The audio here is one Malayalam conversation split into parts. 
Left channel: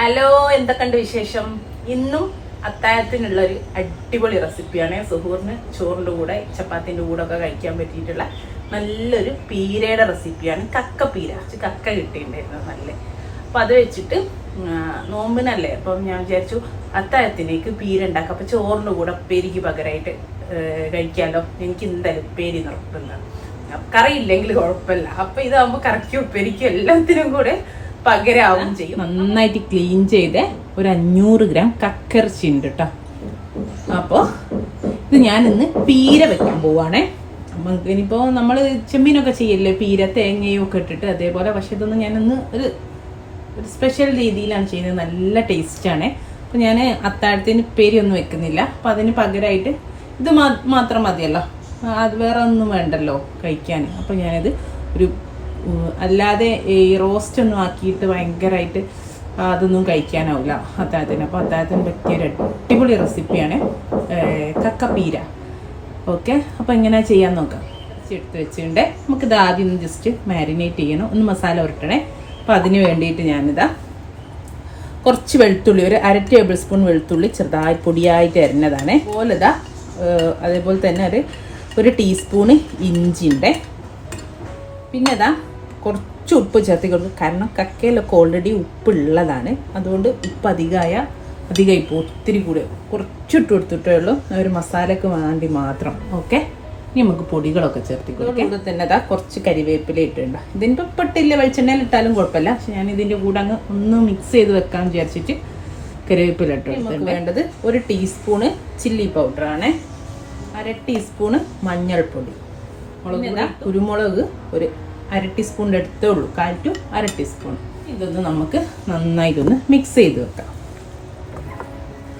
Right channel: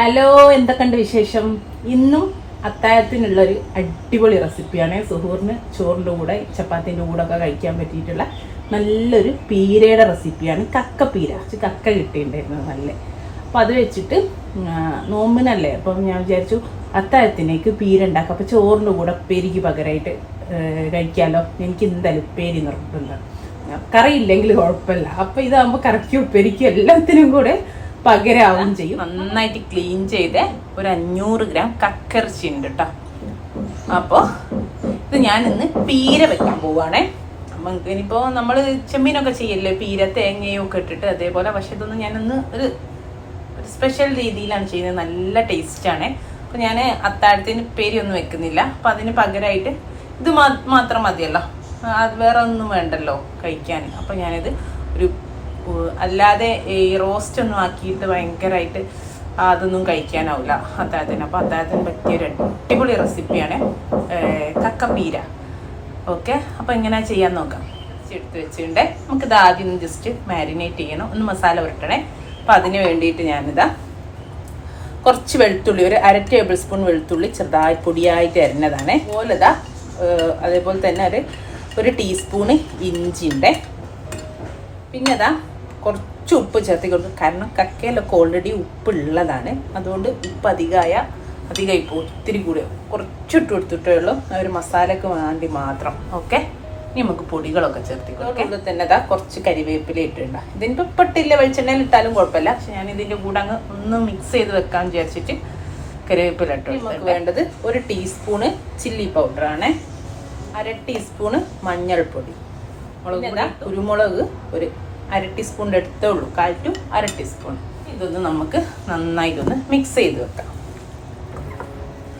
ഹലോ, എന്തൊക്കെയുണ്ട് വിശേഷം? ഇന്നും അത്താഴത്തിനുള്ളൊരു അടിപൊളി റെസിപ്പിയാണ്. സുഹൂറിന് ചോറിൻ്റെ കൂടെ ചപ്പാത്തിൻ്റെ കൂടെ ഒക്കെ കഴിക്കാൻ പറ്റിയിട്ടുള്ള നല്ലൊരു പീരയുടെ റെസിപ്പിയാണ്. കക്ക പീര. കക്ക കിട്ടിയിട്ടുണ്ടായിരുന്നു നല്ല. അപ്പോൾ അത് വെച്ചിട്ട് നോമ്പിനല്ലേ, അപ്പം ഞാൻ വിചാരിച്ചു അത്താഴത്തിനേക്ക് പീര ഉണ്ടാക്കാം. അപ്പോൾ ചോറിൻ്റെ കൂടെ ഉപ്പേരിക്ക് പകരമായിട്ട് കഴിക്കാമല്ലോ. എനിക്ക് എന്തായാലും ഉപ്പേരി നിർത്തുന്നത് കറിയില്ലെങ്കിൽ കുഴപ്പമില്ല. അപ്പോൾ ഇതാകുമ്പോൾ കറക്കും ഉപ്പേരിക്കും എല്ലാത്തിനും കൂടെ പകരാവും ചെയ്യും. നന്നായിട്ട് ക്ലീൻ ചെയ്ത് ഒരു 500 ഗ്രാം കക്കിറച്ചി ഉണ്ട് കേട്ടോ. അപ്പോൾ ഇത് ഞാനിന്ന് പീര വെക്കാൻ പോവുകയാണേ. അപ്പം ഇനിയിപ്പോൾ നമ്മൾ ചെമ്മീനൊക്കെ ചെയ്യല്ലേ, പീര തേങ്ങയും ഒക്കെ ഇട്ടിട്ട് അതേപോലെ. പക്ഷെ ഇതൊന്നും ഞാനൊന്ന് ഒരു സ്പെഷ്യൽ രീതിയിലാണ് ചെയ്യുന്നത്. നല്ല ടേസ്റ്റാണ്. അപ്പോൾ ഞാൻ അത്താഴത്തിന് ഉപ്പേരി ഒന്നും വെക്കുന്നില്ല. അപ്പം അതിന് പകരമായിട്ട് ഇത് മാത്രം മതിയല്ലോ, അത് വേറെ ഒന്നും വേണ്ടല്ലോ കഴിക്കാൻ. അപ്പോൾ ഞാനത് ഒരു അല്ലാതെ ഈ റോസ്റ്റ് ഒന്നും ആക്കിയിട്ട് ഭയങ്കരമായിട്ട് അതൊന്നും കഴിക്കാനാവില്ല അത്താഴത്തിന്. അപ്പോൾ അത്താഴത്തിന് പറ്റിയൊരു അടിപൊളി റെസിപ്പിയാണ് കക്ക പീര. ഓക്കെ, അപ്പോൾ എങ്ങനെ ചെയ്യാൻ നോക്കാം. എടുത്ത് വെച്ചിട്ടുണ്ട്. നമുക്കിത് ആദ്യം ഒന്ന് ജസ്റ്റ് മാരിനേറ്റ് ചെയ്യണം, ഒന്ന് മസാല ഉരുട്ടണേ. അപ്പോൾ അതിന് വേണ്ടിയിട്ട് ഞാനിതാ കുറച്ച് വെളുത്തുള്ളി, ഒരു 1/2 ടേബിൾ സ്പൂൺ വെളുത്തുള്ളി ചെറുതായി പൊടിയായിട്ട് അരിഞ്ഞതാണ്. അതേപോലെ തന്നെ ഒരു ടീസ്പൂണ് ഇഞ്ചിൻ്റെ. പിന്നെ കുറച്ച് ഉപ്പ് ചേർത്തി കൊടുക്കും. കാരണം കക്കയിലൊക്കെ ഓൾറെഡി ഉപ്പുള്ളതാണ്. അതുകൊണ്ട് ഉപ്പ് അധികം ഇപ്പോൾ ഒത്തിരി കൂടി കുറച്ചിട്ട് കൊടുത്തിട്ടേ ഉള്ളൂ, ഒരു മസാലക്ക് വേണ്ടി മാത്രം. ഓക്കെ, ഇനി നമുക്ക് പൊടികളൊക്കെ ചേർത്തി കൊടുക്കും. തന്നെ കുറച്ച് കരിവേപ്പില ഇട്ടുണ്ട്. ഇതിനിപ്പോൾ ഇട്ടില്ല, വെളിച്ചെണ്ണയിൽ ഇട്ടാലും കുഴപ്പമില്ല. പക്ഷെ ഞാൻ ഇതിൻ്റെ കൂടെ അങ്ങ് ഒന്ന് മിക്സ് ചെയ്ത് വെക്കാൻ വിചാരിച്ചിട്ട് കരിവേപ്പില ഇട്ടു. നമുക്ക് വേണ്ടത് ഒരു ടീസ്പൂണ് ചില്ലി പൗഡറാണ്, 1/2 ടീസ്പൂണ് മഞ്ഞൾപ്പൊടി, കുരുമുളക് ഒരു 1/2 ടീസ്പൂണിൻ്റെ അടുത്തേ ഉള്ളൂ, 1/4 to 1/2 ടീസ്പൂൺ. ഇതൊന്ന് നമുക്ക് നന്നായിട്ടൊന്ന് മിക്സ് ചെയ്ത് വെക്കാം.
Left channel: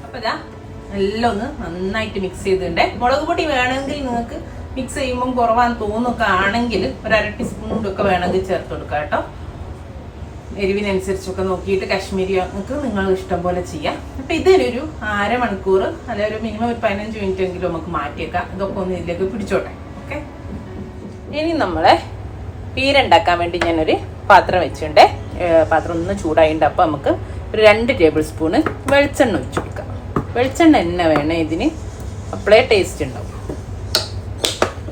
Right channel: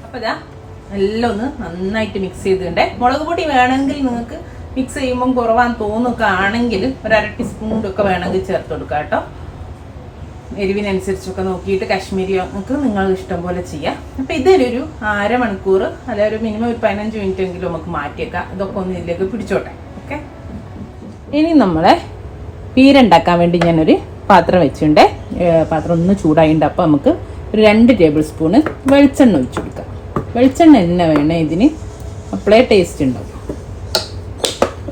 അപ്പോൾ എല്ലാം ഒന്ന് നന്നായിട്ട് മിക്സ് ചെയ്തിട്ടുണ്ട്. മുളക് പൊടി വേണമെങ്കിൽ നിങ്ങൾക്ക് മിക്സ് ചെയ്യുമ്പം കുറവാന്ന് തോന്നുക ആണെങ്കിൽ ഒരു 1/2 ടീസ്പൂൺ ഒക്കെ വേണമെങ്കിൽ ചേർത്ത് കൊടുക്കാം കേട്ടോ. എരിവിനനുസരിച്ചൊക്കെ നോക്കിയിട്ട് കാശ്മീരി നമുക്ക് നിങ്ങൾ ഇഷ്ടം പോലെ ചെയ്യാം. അപ്പോൾ ഇതൊരു 1/2 മണിക്കൂർ അല്ലെങ്കിൽ ഒരു മിനിമം ഒരു 15 മിനിറ്റ് എങ്കിലും നമുക്ക് മാറ്റിയേക്കാം. ഇതൊക്കെ ഒന്ന് ഇതിലേക്ക് പിടിച്ചോട്ടെ. ഓക്കെ, ഇനി നമ്മളെ പീര ഉണ്ടാക്കാൻ വേണ്ടി ഞാനൊരു പാത്രം വെച്ചിട്ടുണ്ട്. പാത്രം ഒന്ന് ചൂടായിട്ടുണ്ട്. അപ്പോൾ നമുക്ക് ഒരു 2 ടേബിൾ സ്പൂണ് വെളിച്ചെണ്ണ ഒഴിച്ചു കൊടുക്കാം. വെളിച്ചെണ്ണ തന്നെ വേണം ഇതിന്, അപ്പോഴേ ടേസ്റ്റ് ഉണ്ടാവും.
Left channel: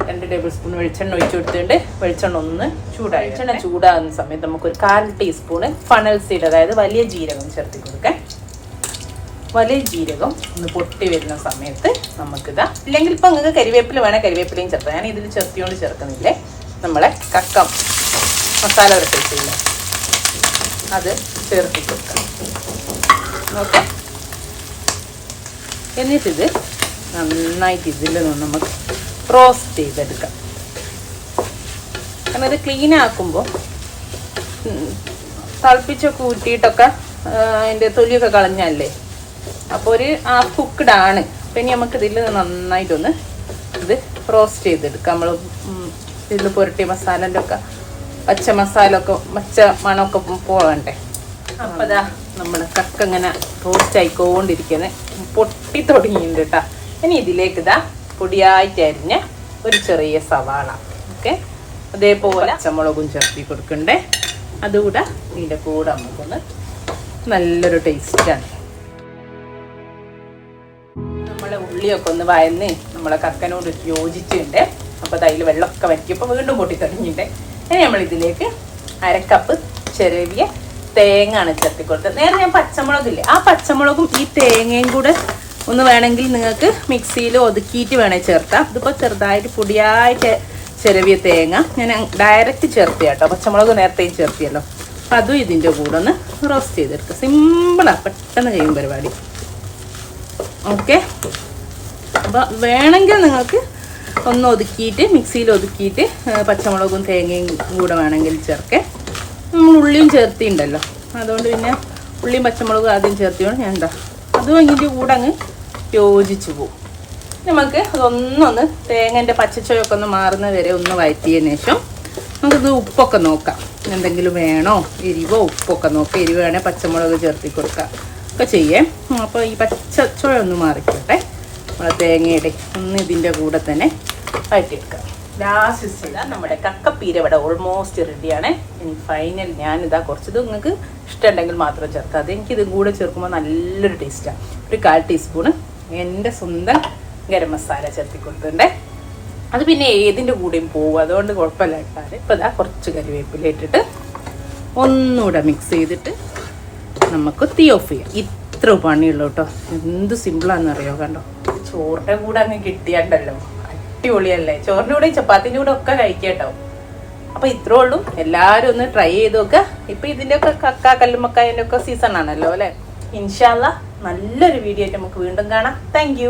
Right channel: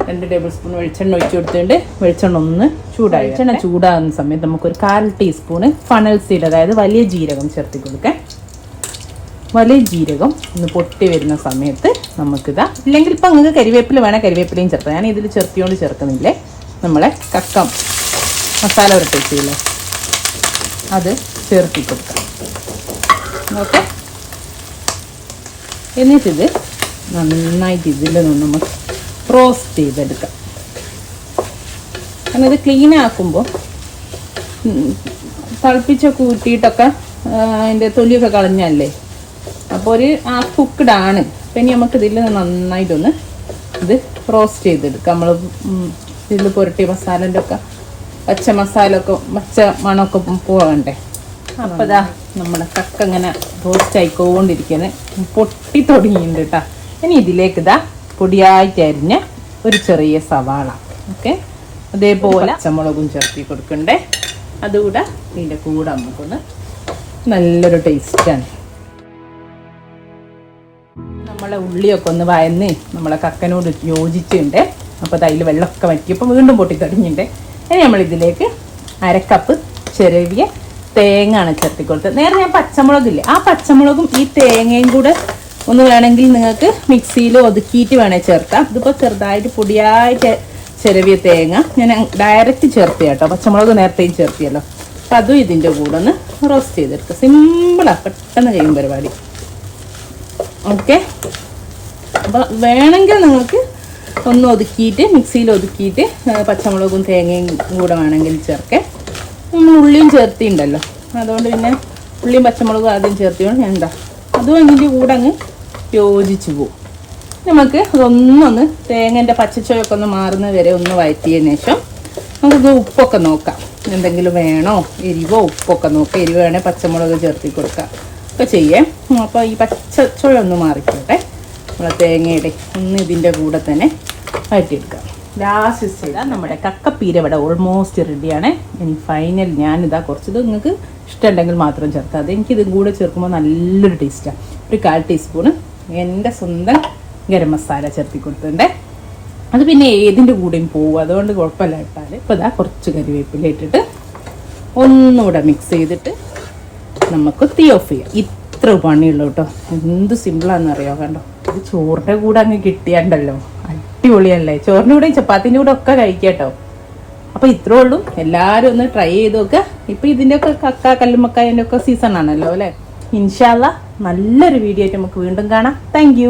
2 ടേബിൾ സ്പൂൺ വെളിച്ചെണ്ണ ഒഴിച്ചു കൊടുത്തിട്ടുണ്ട്. വെളിച്ചെണ്ണ ഒന്ന് ചൂടായി. വെളിച്ചെണ്ണ ചൂടാകുന്ന സമയത്ത് നമുക്കൊരു 1/4 ടീസ്പൂണ് ഫണൽ സീഡ്, അതായത് വലിയ ജീരകം ചേർത്ത് കൊടുക്കാം. വലിയ ജീരകം ഒന്ന് പൊട്ടി വരുന്ന സമയത്ത് നമുക്കിതാ, ഇല്ലെങ്കിൽ ഇപ്പം നിങ്ങൾക്ക് കരിവേപ്പില വേണേൽ കരിവേപ്പിലയും ചേർത്താം. ഞാൻ ഇതിൽ ചേർത്തില്ലേ, നമ്മളെ കക്ക മസാല ഉരുട്ടില്ലേ അത് ചേർത്തി കൊടുക്കാം. ഓക്കെ, എന്നിട്ടിത് നന്നായിട്ട് ഇതിൽ നിന്ന് നമുക്ക് റോസ്റ്റ് ചെയ്തെടുക്കാം. കാരണം ഇത് ക്ലീൻ ആക്കുമ്പോൾ തിളപ്പിച്ചൊക്കെ ഊറ്റിയിട്ടൊക്കെ അതിൻ്റെ തൊലിയൊക്കെ കളഞ്ഞല്ലേ, അപ്പോൾ ഒരു ഹാഫ് കുക്ക്ഡ് ആണ്. അപ്പം ഇനി നമുക്കിതിൽ നന്നായിട്ടൊന്ന് ഇത് റോസ്റ്റ് ചെയ്തെടുക്കാം. നമ്മൾ ഇതിൽ പുരട്ടിയ മസാലൻ്റെ ഒക്കെ പച്ച മണമൊക്കെ പോകണ്ടേ. അപ്പോൾ നമ്മുടെ കക്ക ഇങ്ങനെ റോസ്റ്റ് ആയിക്കൊണ്ടിരിക്കുന്നത് പൊട്ടി തുടങ്ങിയിട്ടുണ്ട് കേട്ടോ. ഇനി ഇതിലേക്ക് പൊടിയായിട്ട് അരിഞ്ഞ ഒരു ചെറിയ സവാള, ഓക്കെ, അതേപോലെ പച്ചമുളകും ചേർത്തി കൊടുക്കണ്ടേ. അതുകൂടെ ഇതിൻ്റെ കൂടെ നമുക്കൊന്ന് നല്ലൊരു ടേസ്റ്റാണ്. നമ്മളെ ഉള്ളിയൊക്കെ ഒന്ന് വയന്ന് നമ്മളെ കക്കനോട് യോജിച്ചിട്ടുണ്ട്. അപ്പോൾ അതിൽ വെള്ളമൊക്കെ വറ്റിയപ്പോൾ വീണ്ടും പൊട്ടി തുടങ്ങിയിട്ടുണ്ട്. ഇനി നമ്മളിതിലേക്ക് 1/2 കപ്പ് ചെറിയ തേങ്ങയാണ് ചേർത്തി കൊടുത്തത്. നേരെ ഞാൻ പച്ചമുളകില്ലേ, ആ പച്ചമുളകും ഈ തേങ്ങയും കൂടെ ഒന്ന് വേണമെങ്കിൽ നിങ്ങൾക്ക് മിക്സിയിൽ ഒതുക്കിയിട്ട് വേണേൽ ചേർത്താം. ഇതിപ്പോൾ ചെറുതായിട്ട് പൊടിയായിട്ട് ചെറിയ തേങ്ങ ഞാൻ ഡയറക്റ്റ് ചേർത്തി കേട്ടോ. പച്ചമുളക് നേരത്തെയും ചേർത്തിയല്ലോ. അപ്പം അതും ഇതിൻ്റെ കൂടെ ഒന്ന് റോസ്റ്റ് ചെയ്തെടുക്കുക. സിമ്പിളാണ്, പെട്ടെന്ന് കഴിയും പരിപാടി. ഓക്കെ, അപ്പോൾ വേണമെങ്കിൽ നിങ്ങൾക്ക് ഒന്ന് ഒതുക്കിയിട്ട് മിക്സിയിൽ ഒതുക്കിയിട്ട് പച്ചമുളകും തേങ്ങയും കൂടെ വേണമെങ്കിൽ ചേർക്കേ. നമ്മൾ ഉള്ളിയും ചേർത്തിയുണ്ടല്ലോ, അതുകൊണ്ട് പിന്നെ ഉള്ളിയും പച്ചമുളകും ആദ്യം ചേർത്തിയോണ്ട് ഞാൻ അതും ഇതിൻ്റെ കൂടെ അങ്ങ് യോജിച്ച് പോവും. നമുക്ക് ഇതൊന്നൊന്ന് തേങ്ങൻ്റെ പച്ചച്ചോയൊക്കെ ഒന്ന് മാറുന്നത് വരെ ഒന്ന് വഴറ്റിയതിന് ശേഷം നമുക്കിത് ഉപ്പൊക്കെ നോക്കാം. എന്തെങ്കിലും വേണോ, എരിവോ ഉപ്പൊക്കെ നോക്കാം. എരിവ് വേണേൽ പച്ചമുളക് ചേർത്തി കൊടുക്കാം ഒക്കെ ചെയ്യേ. അപ്പോൾ ഈ പച്ചച്ചോയ ഒന്ന് മാറിക്കോട്ടെ. നമ്മളെ തേങ്ങയുടെ ഒന്ന് ഇതിൻ്റെ കൂടെ തന്നെ വഴറ്റിയെടുക്കാം. ലാസ്റ്റ് സ്റ്റേജ് നമ്മുടെ കക്കപ്പീര ഇവിടെ ഓൾമോസ്റ്റ് റെഡിയാണ്. ഇനി ഫൈനൽ ഞാനിതാ കുറച്ചത് നിങ്ങൾക്ക് ഇഷ്ടമുണ്ടെങ്കിൽ മാത്രം ചേർക്കാം. അത് എനിക്കിതും കൂടെ ചേർക്കുമ്പോൾ നല്ലൊരു ടേസ്റ്റാണ്. ഒരു 1/4 ടീസ്പൂണ് എൻ്റെ സ്വന്തം ഗരം മസാല ചേർത്തി കൊടുത്തിട്ടുണ്ട്. അത് പിന്നെ ഏതിൻ്റെ കൂടെയും പോകും, അതുകൊണ്ട് കുഴപ്പമില്ല കേട്ടാൽ. ഇപ്പോൾ ഇതാ കുറച്ച് കരിവേപ്പില ഇട്ടിട്ട് ഒന്നുകൂടെ മിക്സ് ചെയ്തിട്ട് നമുക്ക് തീ ഓഫ് ചെയ്യാം. ഇത്ര പണിയുള്ളൂ കേട്ടോ. എന്ത് സിമ്പിളാണെന്നറിയോ, കണ്ടോ. ചോറിൻ്റെ കൂടെ അങ്ങ് കിട്ടിയാണ്ടല്ലോ, അടിപൊളിയല്ലേ. ചോറിൻ്റെ കൂടെ ചപ്പാത്തിൻ്റെ കൂടെ ഒക്കെ കഴിക്കാട്ടോ. അപ്പോൾ ഇത്രേ ഉള്ളൂ. എല്ലാവരും ഒന്ന് ട്രൈ ചെയ്ത് നോക്കുക. ഇപ്പം ഇതിൻ്റെയൊക്കെ കക്ക കല്ലുമ്മക്കായൻ്റെ ഒക്കെ സീസൺ ആണല്ലോ അല്ലേ. ഇൻഷാ അല്ലാഹ് നല്ലൊരു വീഡിയോ ആയിട്ട് നമുക്ക് വീണ്ടും കാണാം. താങ്ക്